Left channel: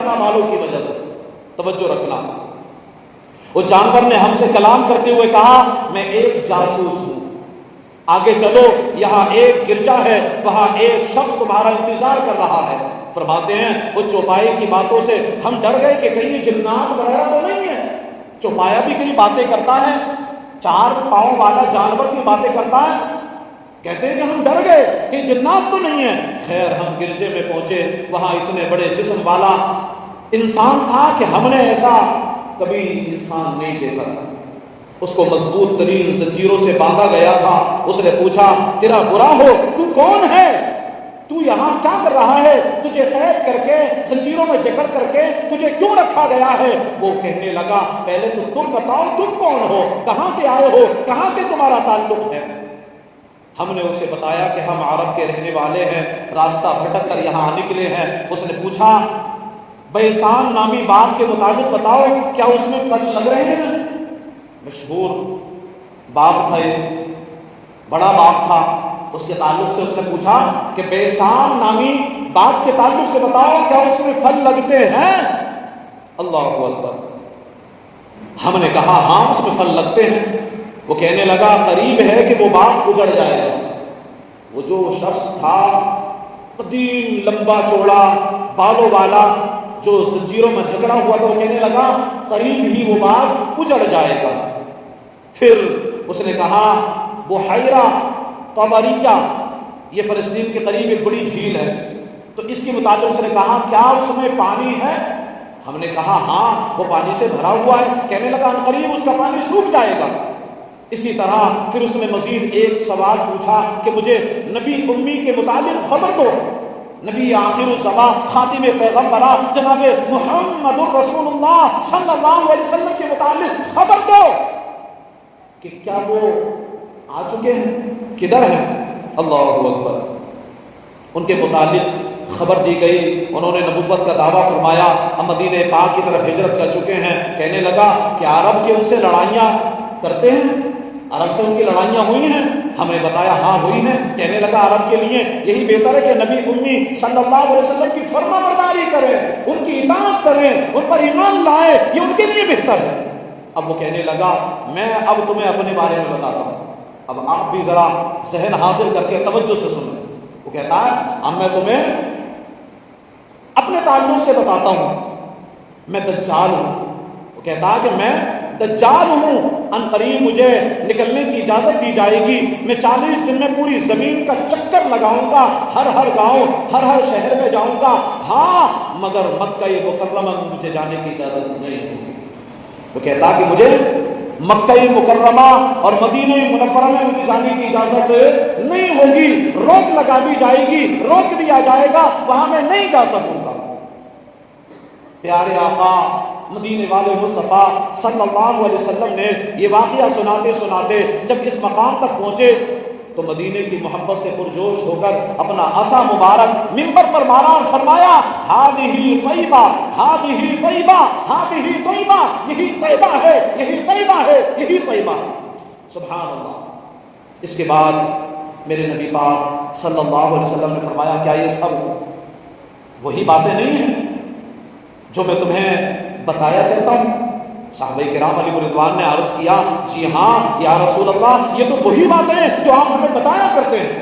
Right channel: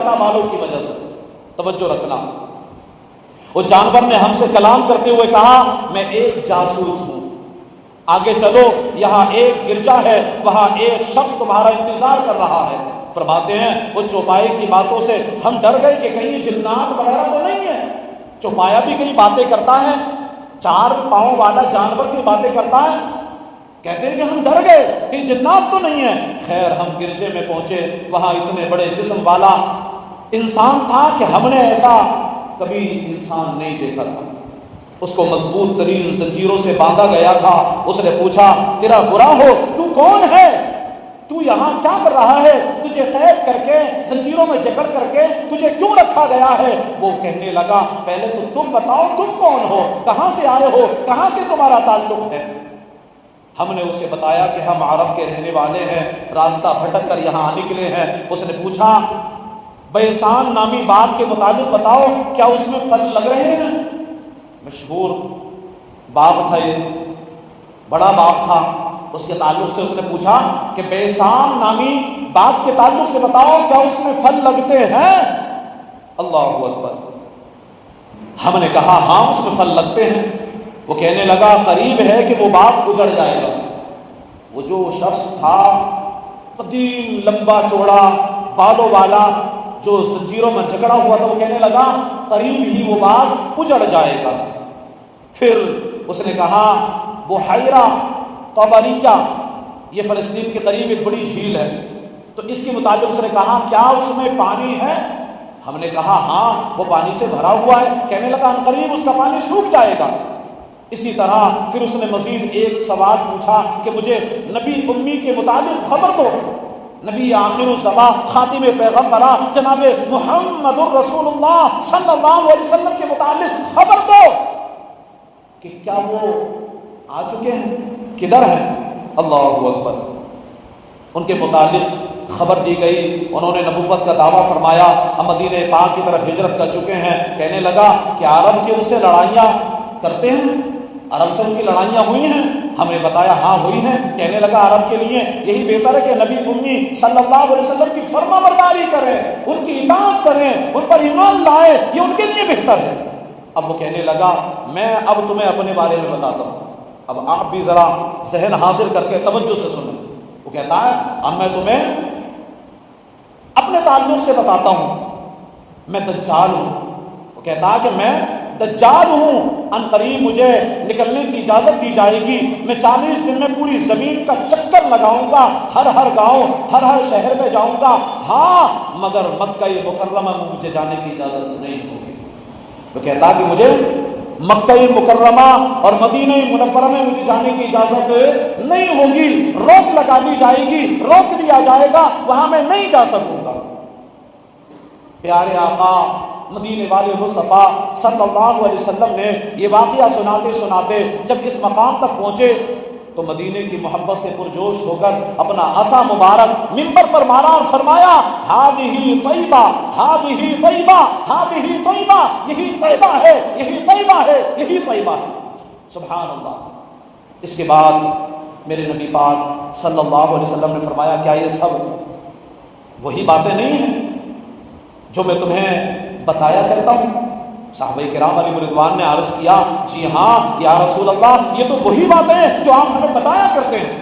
والوں کی وجہ سے. توجہ رکھنا. وہ جانور نے ہم سے کلام کرتے ہوئے کہا میں ایک جاسوس ہوں, آگے چلو, یہاں ایک گرجا ہے, وہاں ایک شخص تمہارا انتظار کر رہا ہے. فرماتے ہیں وہ چوپائی کی باتوں سے ہم ڈر گئے کہ کہیں جنات وغیرہ تو نہیں ہے. چوپایا بھی کہیں باتیں کرتا ہے, 4 پاؤں والا جانور کی باتیں کرتا ہے. کہتے ہیں کہ ہم ڈر گئے کہ جنات تو نہیں ہے. خیر ہم گرجے میں پہنچے, وہاں اتنے بڑے جسم والا انسان تھا کہ ہم نے ایسا کبھی انسان نہیں دیکھا تھا. اس کو مضبوط ترین زنجیروں سے باندھا گیا تھا. اس نے پوچھا تیرا برا ہو, تو کون ہے, تو یہاں کیا کر رہا ہے, تجھے قید کر کے زنجیروں میں جکڑ کر کے تجھے کیوں رکھا گیا ہے. وہ کہنے لگا پہلے تو تم بتاؤ تم کون ہو, کہاں سے آئے ہو, کہاں سے تمہارا تعلق ہے. ہم نے اسے بتایا کہ ہم عرب کے رہنے والے ہیں, راستہ بھٹک کر یہاں نکلے ہیں. اس نے پوچھا بیسان نامی باغ کے متعلق بتاؤ, کیا اس میں پھل لگ رہے ہیں. مشہور باغ تھا, یہ بڑا باغ تھا. اس کے تعلق سے اس نے پوچھا کہ بیسان نامی باغ کے تعلق سے بتاؤ کیا اس میں پھل لگتے ہیں. اللہ اکبر. ہم نے کہا ہاں اس میں پھل لگتے ہیں. وہ کہنے لگا قریب ہے کہ وہ باغ اجڑ جائے گا. وہ جو شخص تھا قدیم لمبا چوڑا بالوں والا جو زنجیروں میں جکڑا ہوا تھا, وہ کہنے لگا قریب ہی وہ باغ اجڑ جائے گا. پھر اس نے کہا بحیرہ طبریہ, یہ فلسطین کے قریب ایک بڑی جھیل ہے, تو اس کے مطابق اس نے کہا کیا اس میں پانی ہے. ہم نے کہا ہاں وہ پانی سے بھرا ہوا ہے. کہنے لگا قریب اس کا پانی سوکھ جائے گا. اسی طرح پھر اس نے مزید ایک سوال پوچھا کہ مجھے نبی امی کے متعلق خبر دو, نبی آخر الزماں خاتم پیغمبرہ جناب محمد الرسول اللہ صلی اللہ علیہ وسلم کے متعلق خبر دو کہ کیا وہ آ چکے ہیں, کدھر ہیں. اللہ اکبر. ان کے متعلق خبر دی گئی. انہوں نے نبوت کا دعویٰ فرمایا, ہم مدینہ پاک کی طرف ہجرت کر چکے ہیں. کہنے لگا کہ عرب کے ان سے لڑائیاں کرتے ہیں, عرب سے ان کی لڑائیاں ہوئی ہیں. ہم نے بتایا ہاں ہوئی ہیں. کہنے لگا عرب کے لیے یہی بہتر ہے کہ نبی امی صلی اللہ علیہ وسلم کی فرما برداری کریں, ان کی اطاعت کریں, ان پر ایمان لائیں, یہ ان کے لیے بہتر ہے. اب وہ کہنے لگا میں اب تمہیں اپنے بارے میں بتاتا ہوں, اب آپ بھی ذرا ذہن حاضر کر کے توجہ سے سنیں. وہ کہتا ہے اب میں تمہیں اپنے تعلق سے بتاتا ہوں, میں دجال ہوں. وہ کہتا ہے کہ میں دجال ہوں, ان قریب مجھے نکلنے کی اجازت دی جائے گی. میں 40 دن میں پوری زمین کا چکر لگاؤں گا, ہر گاؤں ہر شہر میں جاؤں گا. ہاں مگر مکہ مکرمہ میں مجھے جانے کی اجازت نہیں ہوگی. وہ کہتا کہ مجھے مکہ مکرمہ اور مدینہ منورہ میں مجھے جانے کی اجازت نہیں ہوگی, روک لگا دی جائے گی, روک دیا جائے گا, وہاں میں نہیں جا سکوں گا. پیارے آقا مدینے والے مصطفیٰ صلی اللہ علیہ وسلم نے یہ واقعہ سناتے سناتے جب اس مقام تک پہنچے تو مدینے کی محبت سے پرجوش ہو کر اپنا عصا مبارک منبر پر مارا اور فرمایا ہذہ طیبہ, ہذہ طیبہ, ہذہ طیبہ, یہی طیبہ ہے, یہی طیبہ ہے, یہی طیبہ ہے. سبحان اللہ. اس کے بعد میرے نبی پاک صلی اللہ علیہ وسلم نے فرمایا کیا یہ سب وہی باتیں نہیں ہیں جو میں تمہیں بتایا کرتا ہوں. صحابہ کرام علیہ رضوان نے عرض کیا جی ہاں یا رسول اللہ, یہ تو وہی باتیں ہیں جو آپ ہمیں بتایا کرتے ہیں,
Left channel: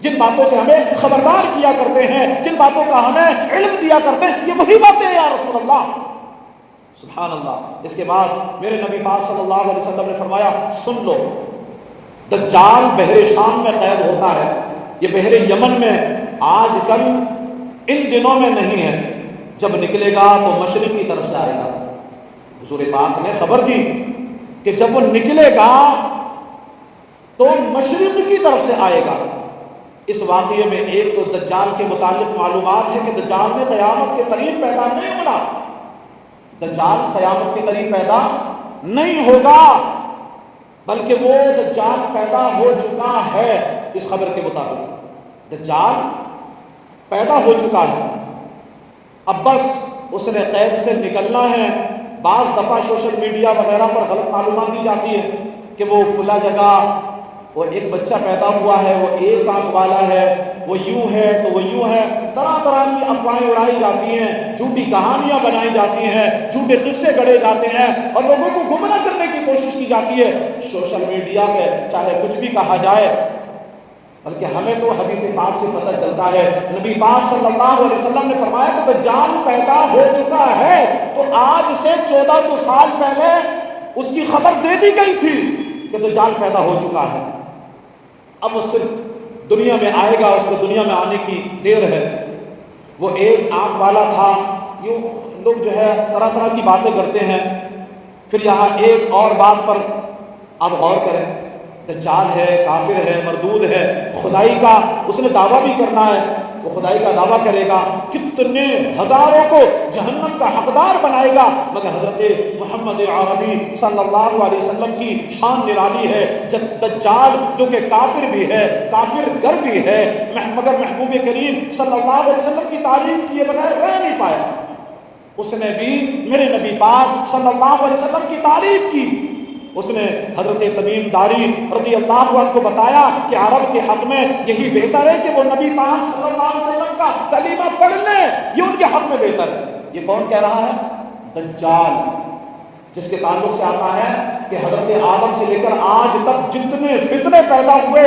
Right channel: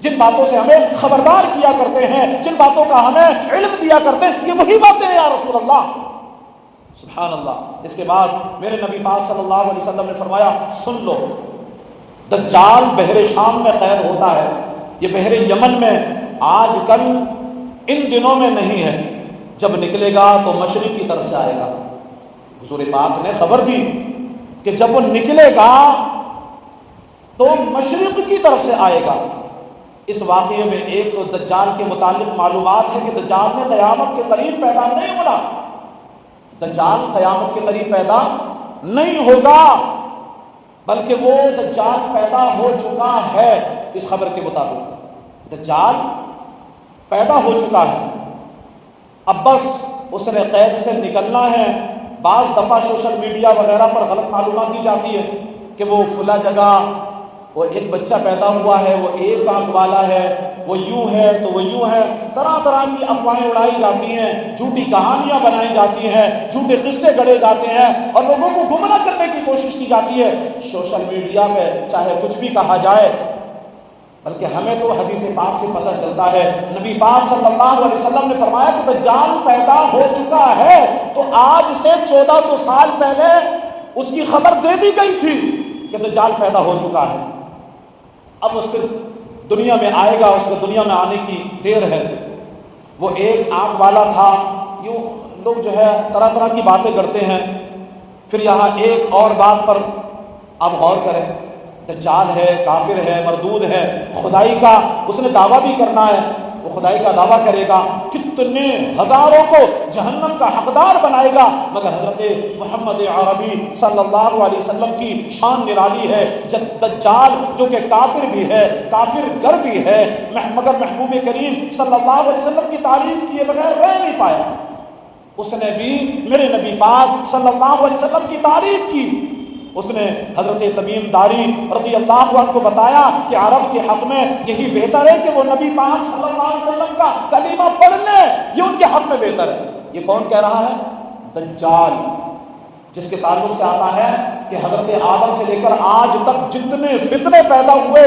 جن باتوں سے ہمیں خبردار کیا کرتے ہیں, جن باتوں کا ہمیں علم دیا کرتے ہیں, یہ وہی باتیں ہیں یا رسول اللہ. سبحان اللہ. اس کے بعد میرے نبی پاک صلی اللہ علیہ وسلم نے فرمایا سن لو, دجال بحر شام میں قید ہوتا ہے, یہ بحر یمن میں آج کل ان دنوں میں نہیں ہے, جب نکلے گا تو مشرق کی طرف سے آئے گا. حضور پاک نے خبر دی کہ جب وہ نکلے گا تو مشرق کی طرف سے آئے گا. اس واقعے میں ایک تو دجال کے متعلق معلومات ہے کہ دجال نے قیامت کے قریب پیدا نہیں ہونا, دجال قیامت کے قریب پیدا نہیں ہوگا, بلکہ وہ دجال پیدا ہو چکا ہے. اس خبر کے مطابق دجال پیدا ہو چکا ہے, اب بس اس نے قید سے نکلنا ہے. بعض دفعہ سوشل میڈیا وغیرہ پر غلط معلومات دی جاتی ہے کہ وہ فلاں جگہ وہ ایک بچہ پیدا ہوا ہے، وہ ایک آنکھ والا ہے، وہ یوں ہے تو وہ یوں ہے، طرح طرح کی افواہیں اڑائی جاتی ہیں، جھوٹی کہانیاں بنائی جاتی ہیں، جھوٹے قصے گڑھے جاتے ہیں اور لوگوں کو گمراہ کرنے کی کوشش کی جاتی ہے سوشل میڈیا پہ، چاہے کچھ بھی کہا جائے۔ بلکہ ہمیں تو حدیث پاک سے پتہ چلتا ہے، نبی پاک صلی اللہ علیہ وسلم نے فرمایا کہ دجال پیدا ہو چکا ہے، تو آج سے 1400 سال پہلے اس کی خبر دے دی گئی تھی کہ دجال پیدا ہو چکا ہے۔ اب وہ صرف دنیا میں آئے گا، اس کو دنیا میں آنے کی دیر ہے۔ وہ ایک آنکھ والا تھا، یوں لوگ جو ہے طرح طرح کی باتیں کرتے ہیں۔ پھر یہاں ایک اور بات پر آپ غور کریں، دجال ہے، کافر ہے، مردود ہے، خدائی کا اس نے دعویٰ بھی کرنا ہے، وہ خدائی کا دعویٰ کرے گا، کتنے ہزاروں کو جہنم کا حقدار بنائے گا، مگر حضرت محمد عربی صلی اللہ علیہ وسلم کی شان نرالی ہے۔ دجال جو کہ کافر بھی ہے، کافر گر بھی ہے، مگر محبوب کریم صلی اللہ علیہ وسلم کی تعریف کیے بغیر رہ نہیں پایا۔ اس نے بھی میرے نبی پاک صلی اللہ علیہ وسلم کی تعریف کی۔ اس نے حضرت تمیم داری رضی اللہ عنہ کو بتایا کہ عرب کے حق میں یہی بہتر ہے کہ وہ نبی پاک صلی اللہ علیہ وسلم کا کلمہ پڑھ لیں، یہ ان کے حق میں بہتر ہے۔ یہ کون کہہ رہا ہے؟ دجال، جس کے تعلق سے آتا ہے کہ حضرت آدم سے لے کر آج تک جتنے فتنے پیدا ہوئے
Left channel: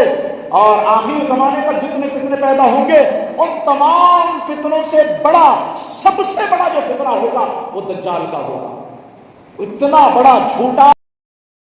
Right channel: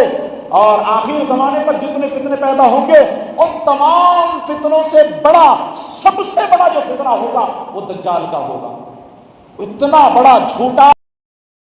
اور آخر زمانے پر جتنے فتنے پیدا ہوں گے، ان تمام فتنوں سے بڑا، سب سے بڑا جو فتنہ ہوگا وہ دجال کا ہوگا۔ اتنا بڑا جھوٹا